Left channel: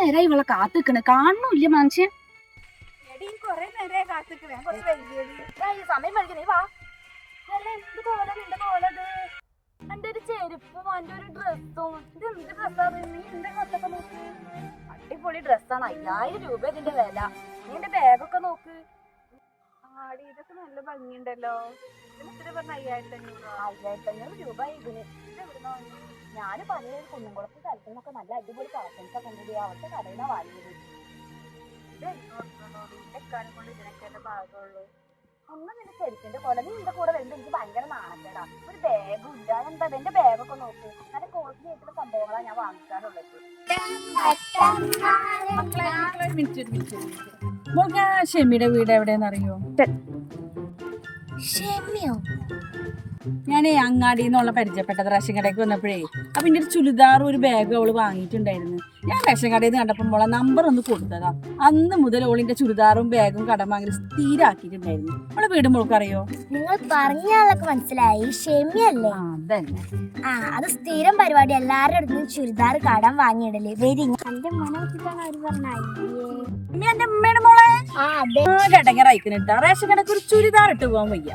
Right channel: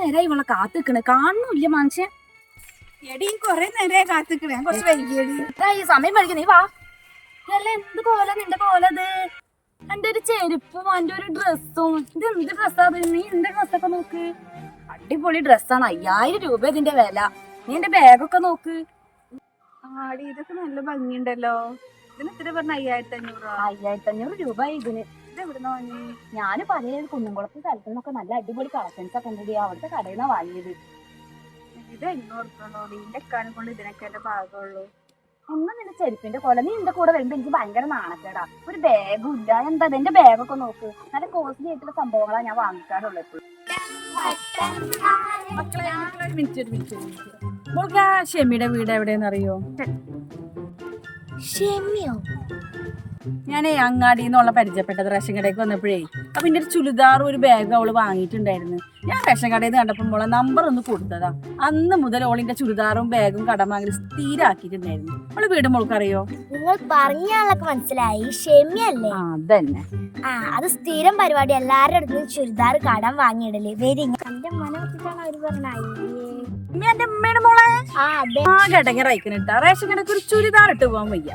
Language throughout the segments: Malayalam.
നേരമായി ഇവളെ കാത്തിക്കണ്. കാണുന്നില്ല മനുഷ്യൻ. എടി കൊറേ നേരമായി കാത്തിക്കണേ. കുറച്ച് വൈകിയടി. ഈ സമയം നീ വാ. അല്ല എന്ത് പോലെ നിന്റെ പോലത് എന്റെ ഒരു ചെരുപ്പും എന്റെ ഒരു ഡ്രസ്സും. ഇത് എന്ത് ഡ്രസ്സാ നീ എന്റെ ഡ്രസ്സൊക്കെ നോക്ക്? അടിപൊളി ഡ്രസ്സാണ്. അയ്യായിരം രൂപ ഇതിന്റെ വില. നീ എന്റെ ബാഗൊക്കെ നോക്ക്. ആടി ഇതൊക്കെ നല്ല ഭംഗിയുണ്ടല്ലോ. ഇതിന് എത്ര പറഞ്ഞ അയ്യായിരത്തി അഞ്ഞൂറ് അയ്യായിരത്തി അഞ്ഞൂറ് രൂപ ഇതിന്. ഇത് എവിടുന്ന് വാങ്ങി ഞാൻ കുന്നുംകുളത്ത് സ്ഥലത്തു നിന്നൊക്കെ നല്ല അടിപൊളി കളക്ഷൻസ് ഒക്കെ ഉണ്ട് അവിടുത്തെ കടയിൽ നിന്ന് വാങ്ങിയത്. ഇത് എണ്ണൂറ് ഇതിന്റെ കാലം കൊണ്ട് ഇതിനൊക്കെ അല്ലേ ഒന്നും നിന്റെ ചെരുപ്പിന്റെ പോലെ നീ എന്റെ കൂടെ വരുമ്പോ എനിക്ക് ഭയങ്കര നാണക്കേടാ. ഒരു ബാഗും ഇല്ല. എന്താ എന്റെ ബാഗൊക്കെ നോക്ക്. നല്ല കോസ്റ്റ്ലി ആയിട്ടുള്ള സംഭവങ്ങളാ ഞാൻ വാങ്ങിക്കാറുള്ളത്. മക്കളെ ഒരു മിനിറ്റ് ഒരു ഷെമിയുടെ വീട് എവിടെയെന്ന് അറിയോ ക്ഷമയോ ഞാനേ അങ്ങാടി എന്നുള്ള പരിചയപ്പെട്ടത് റേഷൻ കടയ്ക്ക് വന്നപ്പോഴേ അപ്പൊ എന്റെ ഒരു ചുരിദാറും ഒരു ബാഗും അവൾ വാങ്ങിയിട്ടുണ്ടായിരുന്നു. ഞാൻ റേഷൻ കടയിൽ നിന്ന് കണ്ടപ്പോൾ മോളെ നമ്പർ ഒന്ന് കൊടുത്തതാ. അന്ന് മുതൽ ഓളിന്റെ ചുരിദാറും ബാഗും കടം വാങ്ങി സ്ഥിരാക്കിയിട്ടുണ്ടായിരുന്നു. അവളെ വീട് മോൾക്കറിയോ? നിങ്ങൾ പറഞ്ഞാളൊക്കെ മനസ്സിലായി. ക്ഷമയല്ലേ അതന്നെ. ആ അത് സ്ഥിരം പരിപാടി. എല്ലാവരുടെ അടുത്തും ചുരിദാർ കടം വാങ്ങിയിടൽ. വരി എന്റെ മനം പറഞ്ഞ ഇനി എന്റെ ആ അതെ ആ ഘടകറായിക്കിട്ടാ റേഷൻ കടക്ക് ഒരു ചുരിദാർ ഇട്ട് പോകാൻ വയ്യ.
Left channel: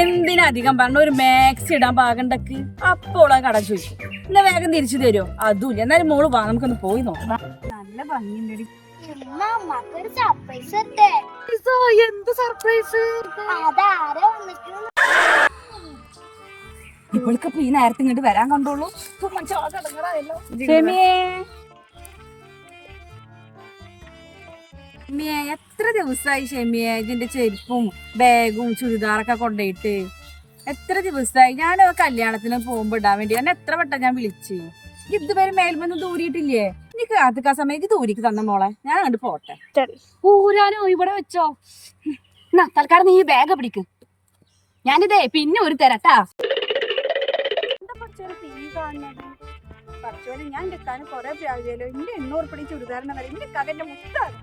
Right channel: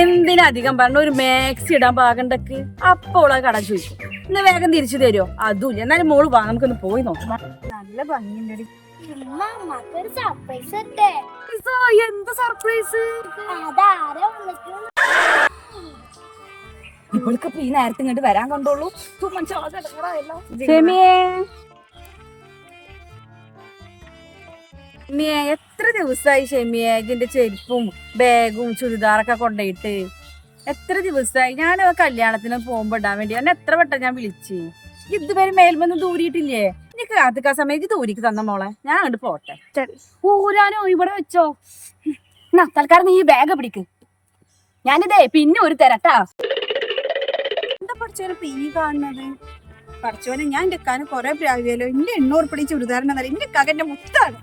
എന്തിനധികം പറഞ്ഞ ഒരു മാക്സി ഇടാൻ പാകണ്ടക്ക്? അപ്പോൾ ആ കട ചോദിക്കും. എന്നാ വേഗം തിരിച്ചു തരുമോ അതുമില്ല എന്നാലും മോൾ വാ നമുക്കൊന്ന് പോയി നോക്കാം. നല്ല ഭംഗിയുണ്ട് ഒരു സർപ്രൈസ് ഇട്ടേ. എന്ത് സർപ്രൈസ് ഇവൾക്ക് ഈ നേരത്തെ ഇങ്ങോട്ട് വരാൻ കണ്ടോളൂ ഷെമിയെ എത്ര ദിവസമായി ഷെമിയെ? ഇതിന്റെ ചെരുപ്പും ബാഗും ചുരിദാറൊക്കെ കൊണ്ടുപോയിട്ട് എത്ര ദിവസമായി ഞാൻ കല്യാണത്തിന് പോകുമ്പോ ഇടാൻ വേണ്ടി. എന്നെ എത്ര വട്ടം ഞാൻ വിളിച്ച്? ഇതുവരെ മേൽമൊന്നും ദൂരിയിട്ടില്ലേ? എനിക്ക് കാത്തിക്കാ സമയത്ത് ദൂരിക്ക് തന്ന മോളെ. ഞാൻ അങ്ങോട്ട് പോട്ടെ. ഊരാനോ ഇവിടെ വെച്ചോ. എന്നാ തൽക്കാലം നീ ബാഗ് പിടിക്ക്. ഞാനിതേ പിന്നെ ഒരു തരട്ടാ എന്താ പഠിച്ചോനെ പീ കാണുന്നത്? പറിച്ചോനെ ഞാൻ എന്റെ കാലം കുറെ പ്രാവശ്യമല്ലോ എന്റെ എണ്ണൂറ് പിടിച്ച് ചുരിദാറിനെന്നല്ല എന്റെ കകന്റെ മുത്താണ്.